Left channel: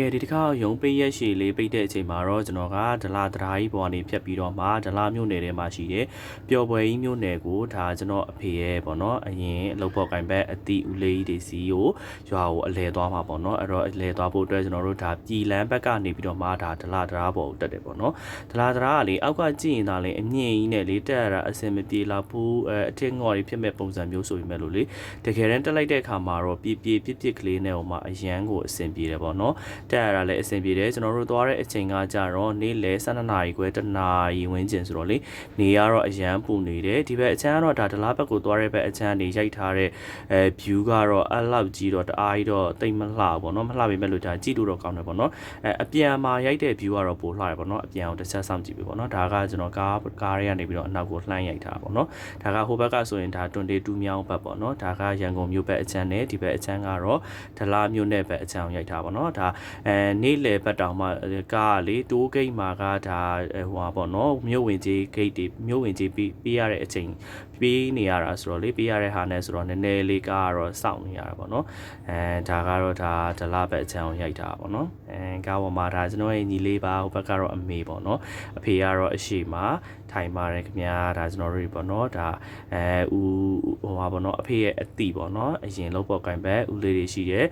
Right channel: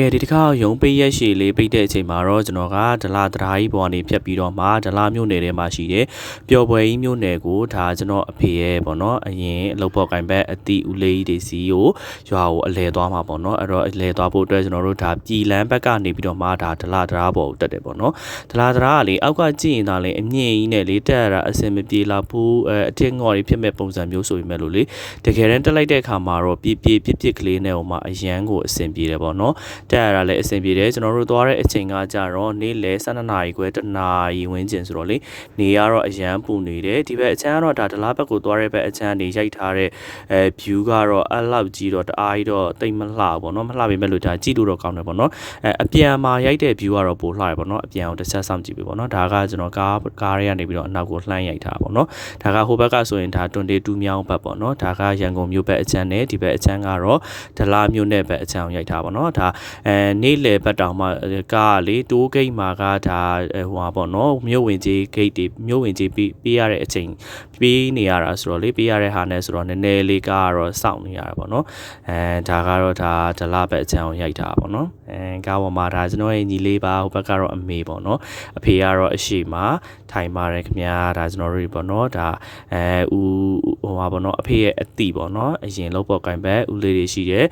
ကဲဒီတစ်ခါရုံပိတ်ရက်ရှည်လေးပိတ်တဲ့အချိန်မှာတော့ကျွန်တော်ကဒလာတရာကြီးပေါ်နေဖြတ်ပြီးတော့မှဒလာမြို့နယ်ထဲမှာရှိတဲ့ပျော်ပွဲကြီးမြို့နယ်ကိုဒါကျွန်တော်အဖေရဲ့ပေါ့နော်အရင်အလုပ်ပေါ်ကင်ဘက်အတီဦးလေးတွေစီကိုရွာကိုအလဲသွားမှာပေါ့နော်အဲ့တော့အလဲသွားဖို့အတွက်ကျွန်တော်တို့ဒါပြည်လန်းဘက်ကနေပြီးတော့မှဒါဒလာတရာပေါ်ကိုတက်တယ်ပေါ့နော်ဒလာတရာကလေအောက်ကကြည့်ရင်ဒါလေအမြင့်ကြီးနဲ့လေတက်ရတာအစင်မပြေလာဘူးအထက်ငေါ်တွေဖြစ်မဲ့ပုံစံမျိုးဆိုပေမဲ့လို့လေတကယ်တမ်းတက်လိုက်တဲ့အခါမှာတော့ပြစ်ကလေးနဲ့ဟိုမှာအရန်ကိုအစင်ပြေတယ်ပေါ့နော်တက်ရတာလည်းအဆင်ပြေတယ်ကျွန်တော်တို့သွားတဲ့အချိန်ကကြတော့နေ့လယ်12နာရီခွဲ1နာရီဝန်းကျင်ဆိုတော့လေနေရတော့အရန်ပူနေတယ်ဒီဘက်အချမ်းကတော့ဒါဒလားဘက်ကိုသွားတဲ့ဘက်အချမ်းနေရိုက်ထားတဲ့ view ကတော့အဲ့လောက်ကြီးတော့တအားကြီးတော့တိတ်မလှပေါ့နော်မလှပေမဲ့လို့ဒါကြည့်လို့တော့ကောင်းတယ်ပေါ့နော်အပြန်မှာရိုက်တဲ့ view ကတော့ပိုလှတယ်ပေါ့နော်အပြန်ကိုတစ်ချက်စောင့်ကြည့်ပြီပေါ့နော်ဒါကကျွန်တော်ကားတွေကနေပြီးတော့အနောက်ကိုလှမ်းရိုက်ထားပေါ့နော်ဒါကဟိုဘက်ကဆိုရင်ဒါ22မြောင်းဘက်ပေါ့နော်ဒါကရန်ကုန်မြို့ဘက်အချမ်းနဲ့ဒီဘက်အချမ်းကတော့ဒလားမြို့နယ်ဘက်အချမ်းကိုရိုက်ထားပေါ့နော်ဒါနေ့လယ်ဘက်တောင်မှကားလေတိုးဂိတ်မှာကဒါဟိုပါပေါ့နော်မြို့ဝင်ကြီးဂိတ်တွေမြို့ဝင်ကြီးပေးရတဲ့အချိန်ပေးနေရတာဆိုတော့လေပေးရတဲ့ဟာနဲ့ဆိုတော့နည်းနည်းလေးကားကတော့စောင့်နေရတာပေါ့နော်ဒါကတော့ဒါဒလဘက်အချမ်းကိုရိုက်တာပေါ့နော်ကားပေါ်မှာဒါကျွန်တော်ရဲ့ညီလေးပါဟိုဘက်ကတော့အမေပေါ့နော်အဖေကတော့အရှိမှာထိုင်ပါတယ်ခင်ဗျာဒါကျွန်တော်တို့ပေါ့နော်ဒါဦးဟိုပါပေါ့နော်အဖေရဲ့အတိပေါ့နော်အရင်လောက်ပေါ်ကင်ဘက်ဦးလေးတွေရှိတယ်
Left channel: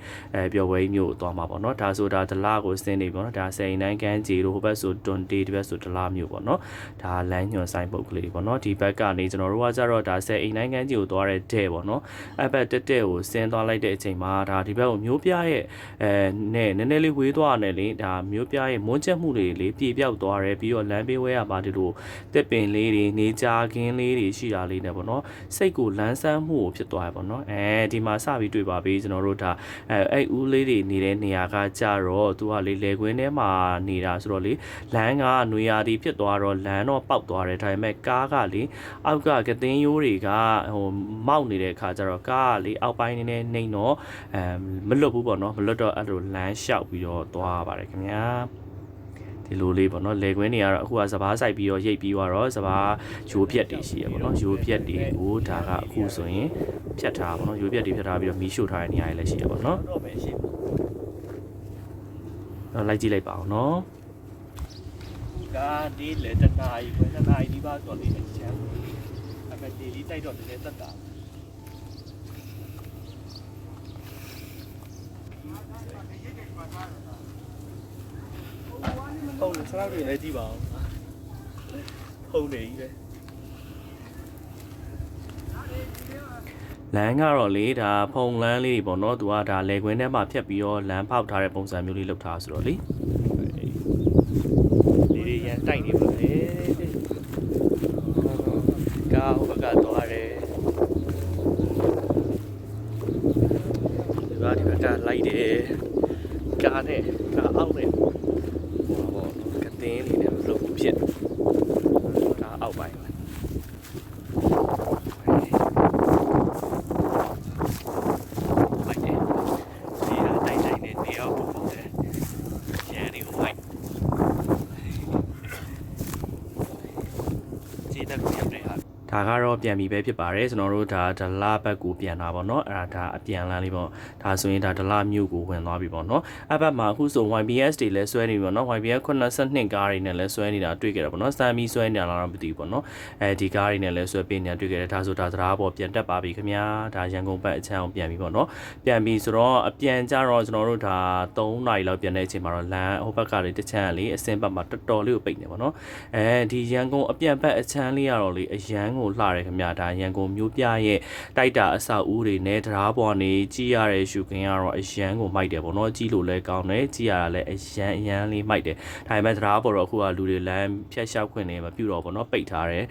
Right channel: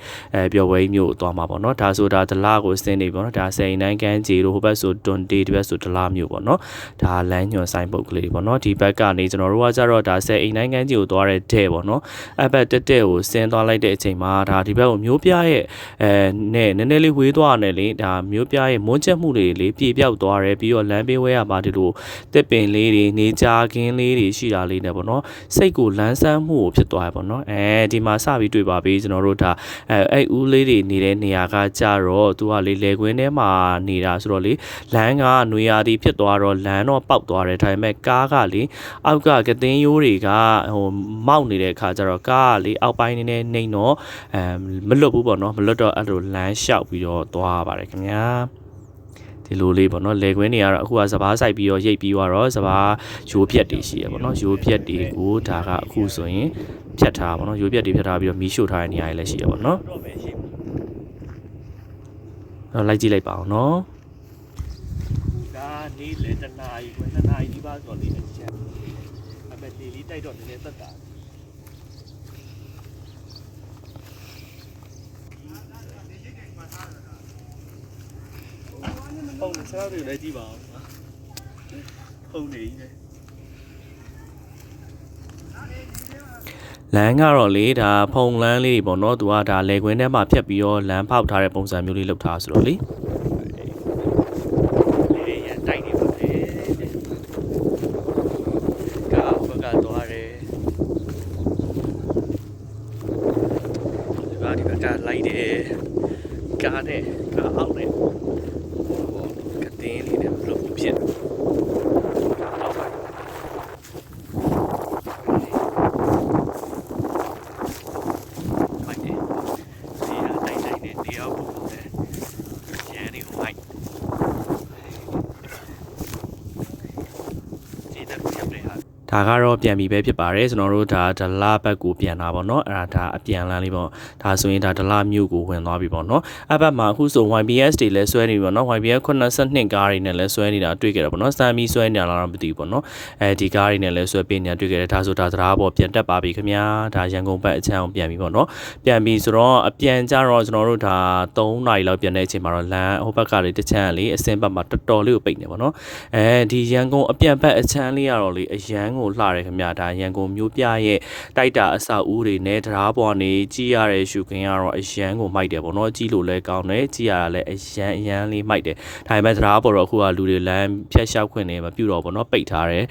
ပျော်ပွဲမျိုးသွားမှာပေါ့နော်ဒါဆိုဒါဒလကိုစင်းနေပေါ့နော်ဒါစိန်တိုင်းကန်းကြီးတို့ဟိုဘက်ဆိုတွန်တေးဒီဘက်ဆိုဒလမျိုးပေါ့နော်ဒါလမ်းညွန်ဆိုင်ပုတ်ကလေးပေါ့နော်ဒီဘက်ကနေကျွန်တော်တို့ကကြတော့ဒါစိန်အိမ်တိုင်းကန်းကြီးကိုသွားတဲ့တဲ့ပေါ့နော်အဲ့ဘက်တက်ကိုစင်းသွားလိုက်တဲ့အချိန်မှာဒါဒီဘက်ကိုမျိုးပြရဲ့နဲ့နည်းနည်းလေးဝေးသွားတယ်လေဒါမျိုးပြရဲ့မွန်းချက်မှုတွေလေပြေပြောက်သွားတယ်ပြီးတော့လမ်းပေးဝဲရပါဒီလိုတက်ပင်လေးတွေနေကြခင်းလေးတွေရှိတာလေးနဲ့ပေါ့နော်စိတ်ကိုလန်းဆန်းမှုကိုဖြစ်သွားရပေါ့နော်ဒီမှာစပြီးတွေ့ပါပြီကျွန်တော်တို့ဒါအဲ့ဦးလေးတွေနေတဲ့နေရာကကြတော့သူကလေလေကွင်းထဲမှာနေတာဆိုတော့လေလမ်းကနွေရာသီဖြစ်သွားတော့လမ်းတော့ပေါက်သွားတယ်ဒါပေမဲ့ကားကလေအောက်ကကသင်းရိုးတွေကဟိုမောက်နေတဲ့အခါကျတော့ကားကလေအောက်ပိုင်းနေနေတော့မလွတ်ဘူးပေါ့နော်မလွတ်တော့အဲ့လိုလမ်းလျှောက်ပြီးတော့သွားပါတယ်ခင်ဗျာဒီလိုလေးပေါ့နော်လေကွင်းတွေကတော့အခုကစပားဆိုင်ပြီးတော့ရိတ်ပြီးတော့စပားရိုးဖြက်တွေရှိရပေါ့နော်ရိုးဖြက်တွေကိုဒါကအခုဆိုရင်ဖြတ်ထားပါတော့ရိုးဖြက်တွေဖြတ်ထားပြီးတော့မီးရှို့ထားတဲ့နေရာတွေလည်းရှိရပေါ့နော်လိုက်ကြည့်လိုက်ပါအောင်နော်ဒါဒီလေတနာကြီးကိုတနာကြီးဒီပါဆိုတော့ဒီအချမ်းအပတီလေးတိုက်တော့လည်းတက်တာဟုတ်တယ်စားတွေလည်းကြည့်ပါအောင်ဟုတ်နေကြီးလေလမ်းကတော့လေဒါဖုံလမ်းလေးပေါ့နော်သူကဒါလေကွင်းထဲမှာဖြတ်ပြီးတော့လမ်းဖောက်ထားတဲ့ပုံစံမျိုးလေးလုပ်ထားဆိုတော့လေလေးရန်တိုက်နေပါလေကားဟိုဘက်ကသွားတယ်ဒီဘက်ကလိုက်တယ်ကားနဲ့ကားအောက်နဲ့ဟိုပေါ့ကတင်းလေးနဲ့မလုပ်ဖြစ်ကားအောက်ပိုင်းဒါကတော့ပြန်ပြီးပဲဖြစ်ပါတယ်ကျွန်တော်တို့ဒါဒလဘက်ကိုပြန်တာပေါ့နော်အဲ့ဒါအပြန်လန်းလေးပေါ့ဒါဆိုရင်ဒါဒလမြို့ကိုဝင်သွားပြီပေါ့နော်အဲ့ဘက်မှာအခုဆို YBS တွေလည်းဆွဲနေပြီပေါ့နော် YBS 82ကားတွေနဲ့လည်းဆွဲနေတာတွေ့ကြတယ်ပေါ့နော်စမ်းပြီးဆွဲနေတာလားတော့မသိဘူးပေါ့နော်ဒီကားတွေနဲ့လည်းဆွဲပေးနေတာတွေ့ကြတယ်ဒါဆိုဒါသရားပေါ်ပြန်တက်ပါပြီခင်ဗျာဒါရန်ကုန်ဘက်အချမ်းအောင်ပြန်ပြီပေါ့နော်ပြန်ပြီဆိုတော့အပြန်ကြတော့ကျွန်တော်တို့ဒါ3နာရီလောက်ပြန်တဲ့အချိန်မှာတော့လမ်းဟိုဘက်ကလေးတစ်ချမ်းလေးအစင်းဘက်မှာတော်တော်လေးကိုပိတ်နေပေါ့နော်ဒီရန်ကုန်အပြန်ဘက်အချမ်းလေးကတော့လေအရန်ကိုလှတယ်ခင်ဗျာဒါရန်ကုန်မြို့ပြရဲ့တိုက်တာအဆောက်အဦတွေနဲ့တရားပေါ်နေကြည့်ရတဲ့ရှုခင်းကတော့အရန်ကိုမိုက်တယ်ပေါ့နော်ကြည့်လို့လည်းကောင်းတယ်ကြည့်ရတာလည်းအရန်လေးမိုက်တယ်ဒါပေမဲ့တရားပေါ်တော့အခုကလူတွေလမ်းဖြတ်လျှောက်ခွင့်နေမပြုတော့ပေါ့နော်ပိတ်ထားတယ်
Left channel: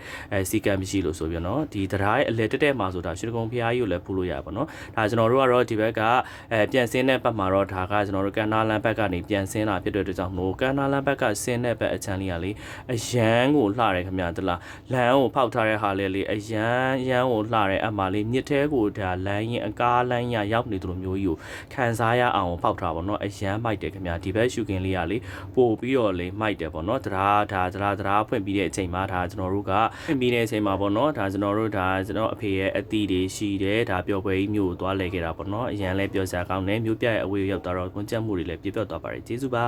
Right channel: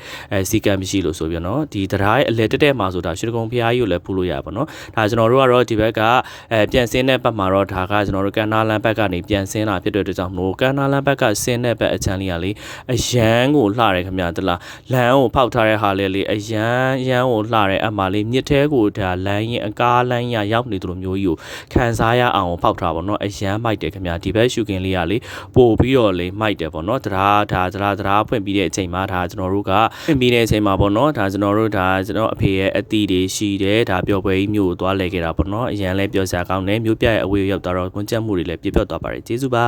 စီကံမရှိလို့ဆိုပြနော်ဒီတရားရဲ့အလဲတက်မှာဆိုတာရွှေကုန်းဖျားကြီးကိုလည်းဖူးလို့ရပါတော့ဒါကျွန်တော်တို့ကတော့ဒီဘက်ကပြန်ဆင်းတဲ့ဘက်မှာတော့ဒါကကျွန်တော်တို့ကန်နာလန်ဘက်ကနေပြန်ဆင်းလာဖြစ်တဲ့အတွက်ကြောင့်မို့ကန်နာလန်ဘက်ကဆင်းတဲ့ဘက်အချမ်းလေးကလေအရန်ကိုလှတယ်ခင်ဗျာတလားလမ်းကိုဖောက်ထားတဲ့ဟာလေ လည်းလေအရန်ကိုလှတဲ့အမလေးမြစ်ထဲကိုဒါလမ်းရင်အကားလမ်းရရောက်နေသလိုမျိုးကြီးကိုခံစားရအောင်ဖောက်ထားပါတော့အရန်မိုက်တယ်ခင်ဗျာဒီဘက်ရှုခင်းလေးကလေပို့ပြီးတော့လေမိုက်တယ်ပေါ့နော်တရားဖွင့်ပြီးတဲ့အချိန်မှာဒါကျွန်တော်တို့ကဖွင့်ပြီးတဲ့အချိန်မှာပေါ့နော်ဒါကျွန်တော်အဖေရဲ့အသီးတွေရှိတယ်ဒါပျော်ပွဲကြီးမျိုးကိုသွားလဲခဲ့တာပေါ့နော်အရန်လဲပြောစရာကောင်းတယ်မျိုးပြရဲ့အဝေးရောက်တော့ကွန်ကြက်မှုတွေလည်းပြပြသွားပါတယ်ကျေးဇူးပါ